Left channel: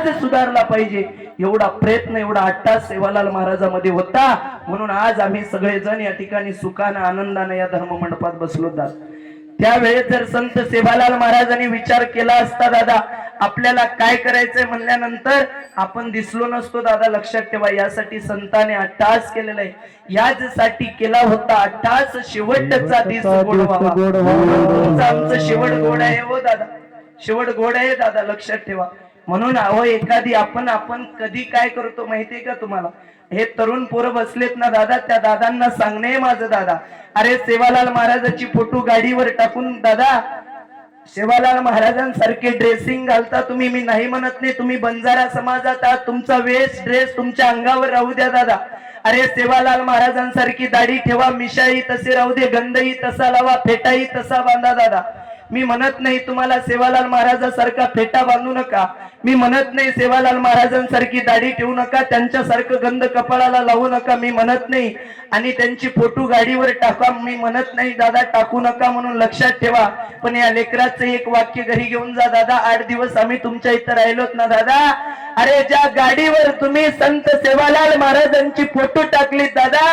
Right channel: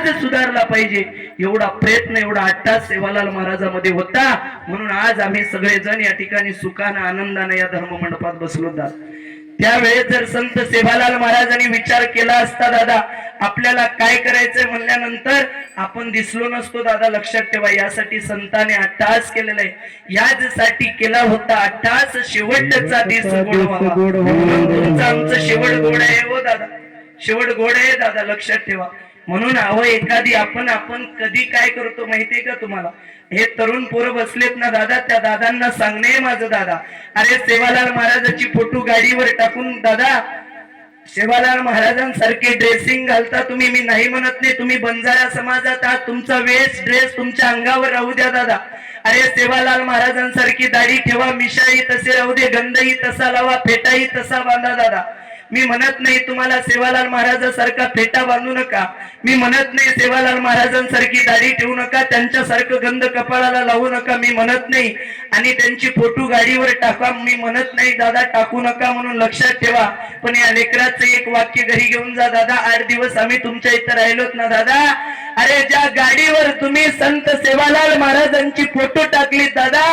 आज सुधारला पाहिजे. एवढा प्रयत्न एवढा अट्टास सेवालाल महाराजामध्ये होता. म्हणून आज आम्ही सगळेजण या ठिकाणी सुखानं आनंदाने या धर्म मंडपात बसलो जात त्यावेळेस जर संत सेवालाल महाराजांनी विचार केला असता दादा आपल्याला काय करायचंय म्हणल्यानंतर आपण दिसलो नसतो दादा लक्षात ठेवा यासाठी संतांनी अट्टास केलेला आहे. याचसाठी केला होता अट्टास शेवटचा दिस गोड तुमचं आमचं शेवट गोड आहे हो दादा. शेवट गोड आहे दादा लक्षात ठेवा. म्हणून अहो एखादी आपण आपण कधी काय करतो माहितीये का तुम्हाला? हे तरुण पोरं बसलेत ना दादा त्या दादांना सांगणे माझं दादा. अरे सेवालाल महाराजाची फोटो गाडीवर टाकून दादा सेवालाल महाराजांसारखे ड्रेसिंग घालता तुम्ही मी नाही म्हणत नाही तुम्ही बंजारा समाजात आहात तुमचा वेस्ट ड्रेस तुमच्या अंगावर राहू द्या दादा. अरे सेवालाल महाराजांसारखी दाढी ठेवा मिशाही तसे राहू दे गंधही तसा लावा फेटाही तसा बांधा दादा. मी म्हणत नाही तुम्हाला सेवालाल महाराजांसारखा फेटा बांधू नका. मी म्हणत नाही सेवालाल महाराजांसारखी दाढी ठेवू नका त्यांच्यासारखं गंध कपाळाला लावू नका मी म्हणत नाही. आणि त्यांची फोटो गाडीवर टाका मी म्हणत नाही दादा टाकू नका म्हणून लक्षात ठेवा. पण या लेकराचं एक वाक्य घरी घेऊन जा दादा आठ दिवस आम्ही तुमच्या इथं राहिलोत ना दादा. अरे ज्या गाडीवर तुम्ही संत सेवालाल महाराजांची फोटो टाकली दादा.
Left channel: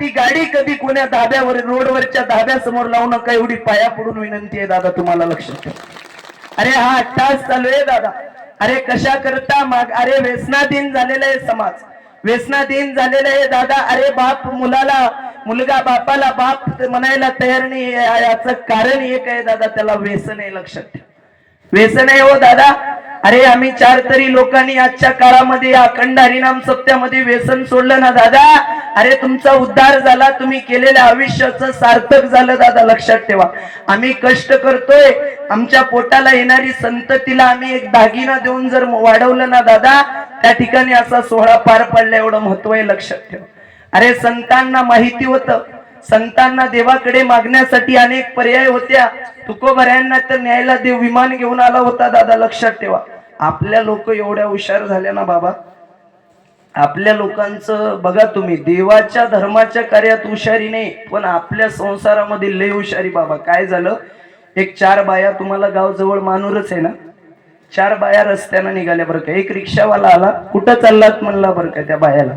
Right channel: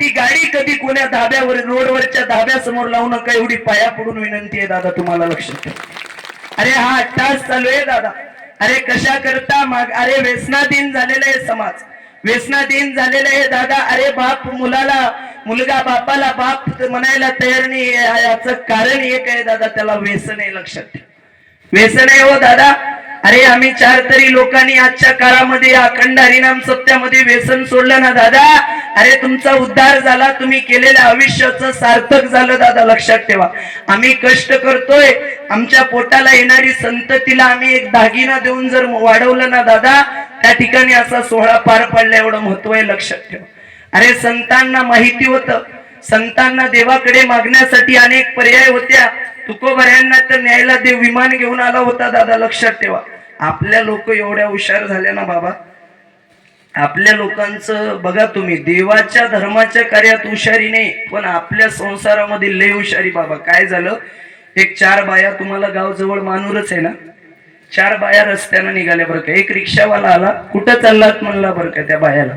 ती गाडी कधी कोण्या धाब्यावर रोडवरच्या धाब्यासमोर लावू नका एवढी पाया पडून विनंती आहे दादा तुम्हाला लक्षात ठेवा अरे हा तास चालू आहे दादा. अरे कशा करता माग अरे व्यसनाधीन झालेला आहे समाज. व्यसनाधीन झालेला आहे दादा. अरे बाप मुलाला मुलगा बापाला बाप म्हणायला तयार नाही याच याचं कारण एक आहे दादा त्याला व्यसन आहे लक्षात ठेवा. व्यसन आहे हो दादा. अरे आम्ही चार तरी लोकांनी आजच्या काळामध्ये अखंड हरिनाम सत्यामध्ये व्यसन सोडलं ना दादा? अरे तुमचा उद्धार झाला तुम्ही केलेल्या आयुष्याचं सार्थक झालं दादा लक्षात ठेवा. आम्ही कष्ट करतोय आमच्या पोटाला येणारी संततीला आम्ही एक दागिना देऊन जर वाढवलं ना दादा त्या ठिकाणी असा सोहळा पार पडला एवढं महत्त्व आहे लक्षात ठेवा. अरे संतांना माहिती होतं. संतांना देवाकडे मागण्यासाठी अनेक पर्याय होत्या. तुकोबऱ्यांना तर न्यायला देव विमान घेऊन आला होता दादा लक्षात ठेवा. आपल्या लोक एवढ्या हुशार झाल्या ना बाबा. आपल्या लोकांचं बघा तुम्ही देवाच्या धर्माच्या कार्यात हुशारी नाही पण आपल्या संसारामध्ये लय हुशारी बाबा. काय झालं? एक चार बाया तुम्हाला गाव जवळ मानूरच आहे ना? चार बाया रस्त्यानं निघाल्या बरं का. एक रिक्षावाला आला कुठं चाललात म्हणला बरं का त्या बायाला?